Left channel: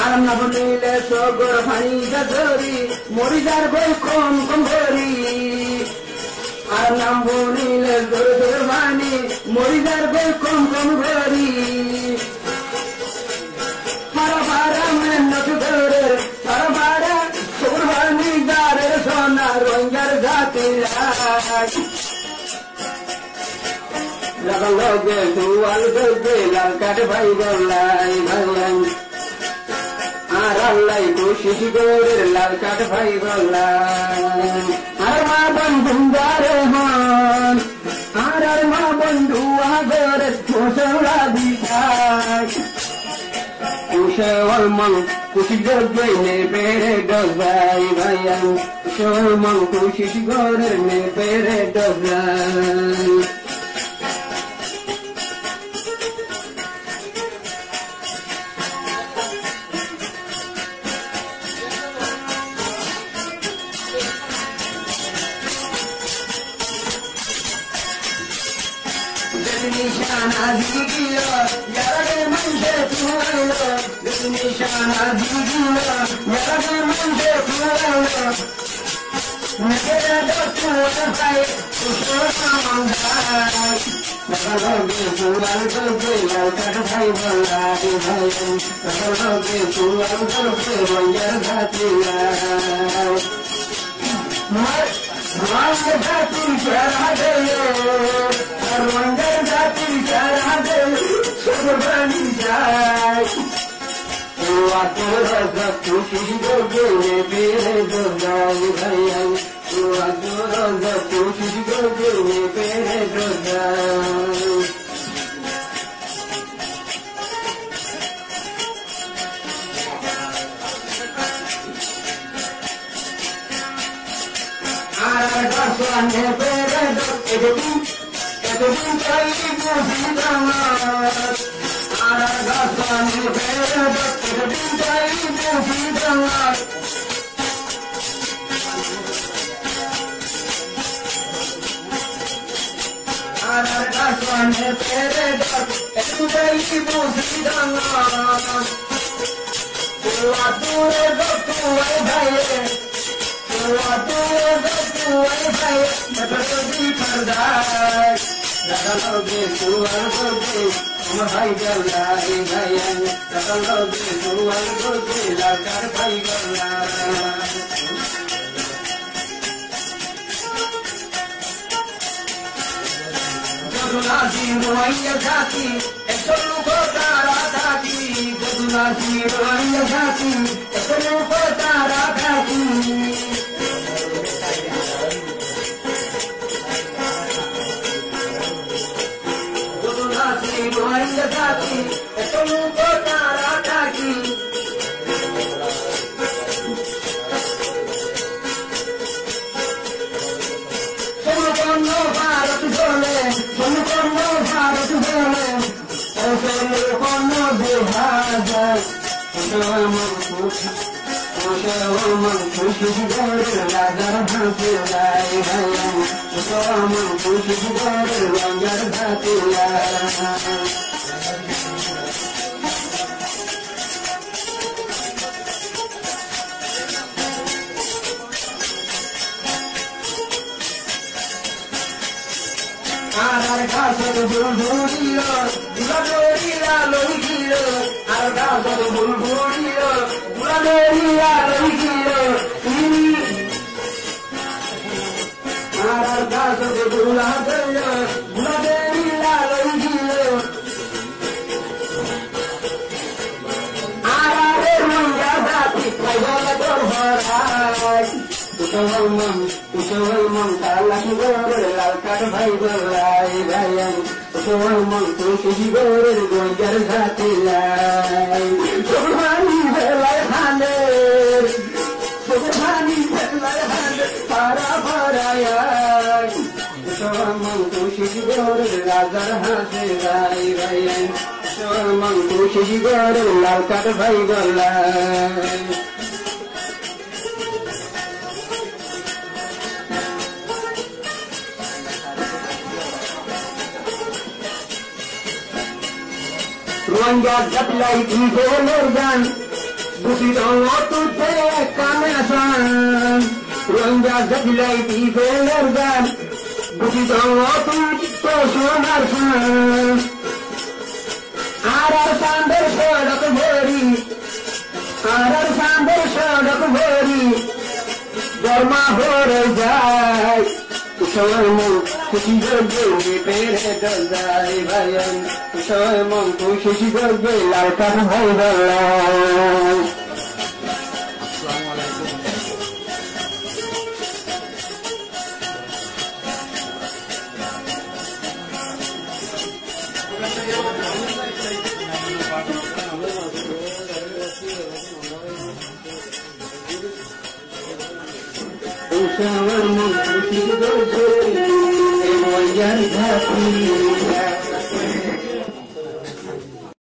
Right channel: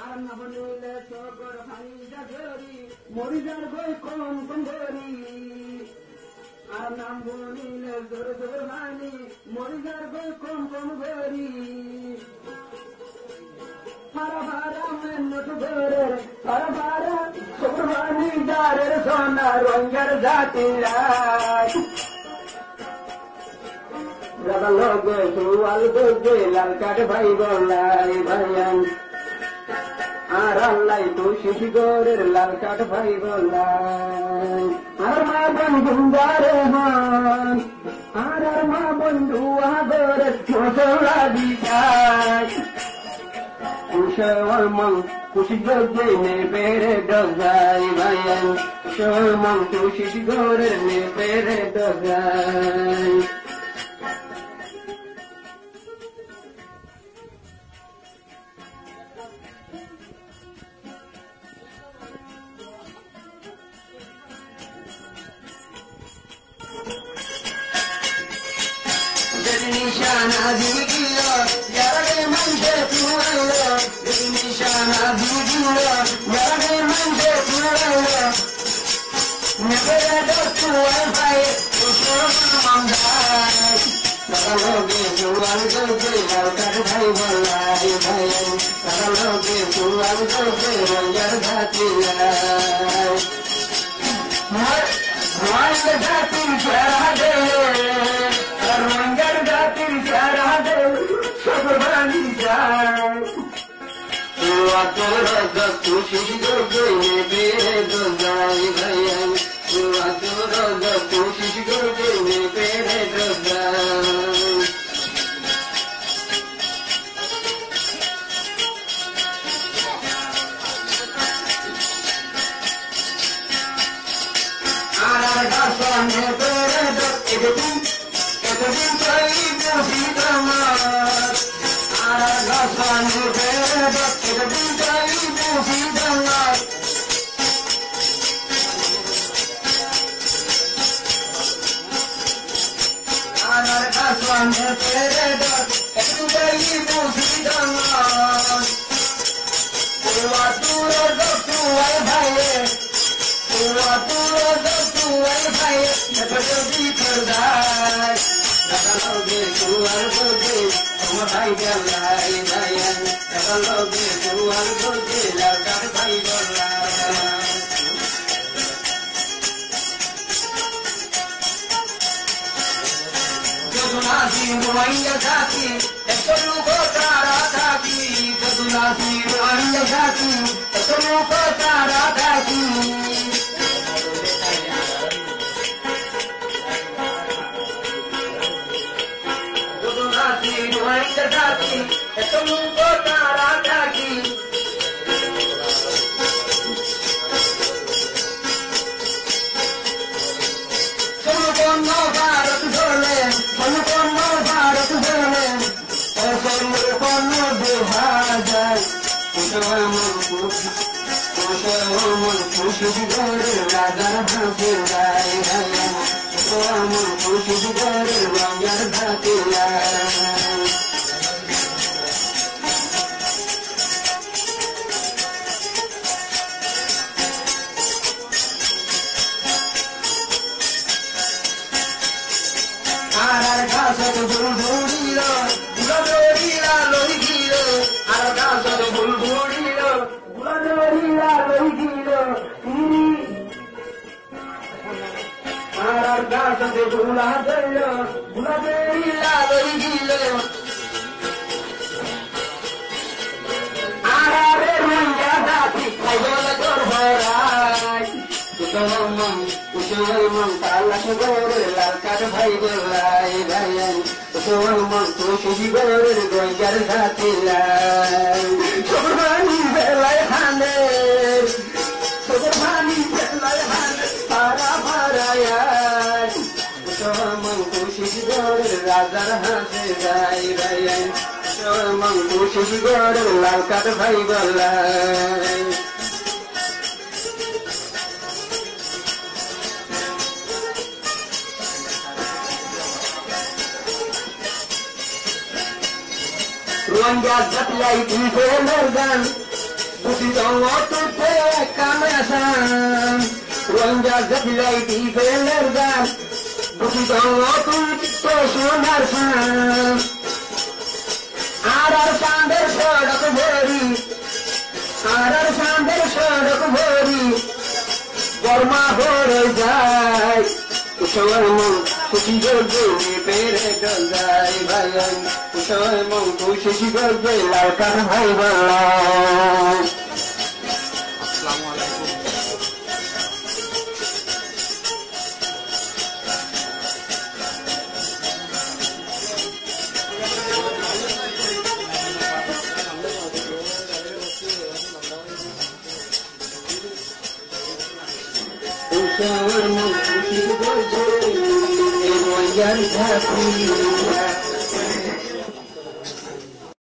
আরাম না বলিলে সগর ভাই গজরি মরি যার বই কম কম ধরি আর নাম বলিলে জোর জোর বাণী মরি যার বই কম কম ধরি সারা ভাড়া মেহনত ধরে সারা ভাড়া সগর ভানি যারের সোনা রঞ্জার জাতি লাগা লগে দুয়াল দে লাল কাঠ ভাই গলাই ভাই আর আল্লাহ কোশিশ গরের লাল কাঠ ভাই গলাই আর মা বন্ধু দারে হন আর মা বন্ধু আগরের মোসলা দিছাই কুশল মন কোশিশ গরে নে বেরে গজাই ভাই কুশল মন কোশিশ গরের নে বেরে গজাই নিশানা দিল যারা মনসে তুলো নিশানা দিল যারা মনসে তুলো নগরা তুলো ভাই সুমন্দাই লগে তুয়াল দে লালকাঠ ভাই বলাই ভাই লগে তুয়াল দে রঞ্জার ঘাটিয়া মার ঘাটি যারা দে রঞ্জার জাতি যারা দে সব ভানি যায় খুশি গো বেরে দোগাই ভাই খুশি গো বেরে দোগাই আর গাছানে বেরে দোগাই একদিন চাইব ভিতমার আর গাছানি বেরে একদিন চাইব ভিতমার আর গাছানি বেরে একদিন চাইব ভিতমার তোয়া তোরে গতুয়াই ভাইরে তোয়া তোরে গতুয়াই ভাই নগরদি করদাই লগে তুয়াল দে তোমার ভাই গলাই ভাই লগে তুয়াল দে লালকাঠ ভাই গলাই যদুনা সিংহাইয়া জাতি এত লোক তারা থাকি যদুনা সিংহাইয়া জাতি এত লোক তারা থাকি যদুনা সিংহাইয়া জাতি এত লোক তারা থাকি সম্পূর্ণ ভারত জলে সম্পূর্ণ ভারত জলে সম্পূর্ণ দেহা যায় খুশি রাজার হাতে গায় খুশি রাজার হাতে আর গাছের বুলবুলিল গুলাবেরিয়া লই গিল আর গাছের বুলবুলিল গুলাবেরিয়া লই গিল আর গাছের গুলাবেরিয়া লই গিল আর রঙা জাতি তোর ভরাই মন কালাস গরের লালকাঠ ভাই গলাই ভাই মন খুশি গরের গঞ্জার ভাতি লাই সোভানি বেলায় হালে সোভানি বেলায় হালে পারা পারায় মন খুশি গরের রাজার হাতে গাই ভাই মন খুশি গরের লালকাঠ ভাই গলাই Rwanda Zatlai Morgan, Bukido Tupe Kamasan, Rwanda Zatlai Morgan, Bukido Tupe Shonarsan, Arar Sander Shodak Bori, Arar Sander Shodak Bori, Dharma Horizai, Ushaman, Kushi Gorgo, Pere Dazai Bayan, Ushaman, Kushi Gorgo, Lalkan Haibala. Ushaman, Kushi Gorgo, Ewan Jari Bhati.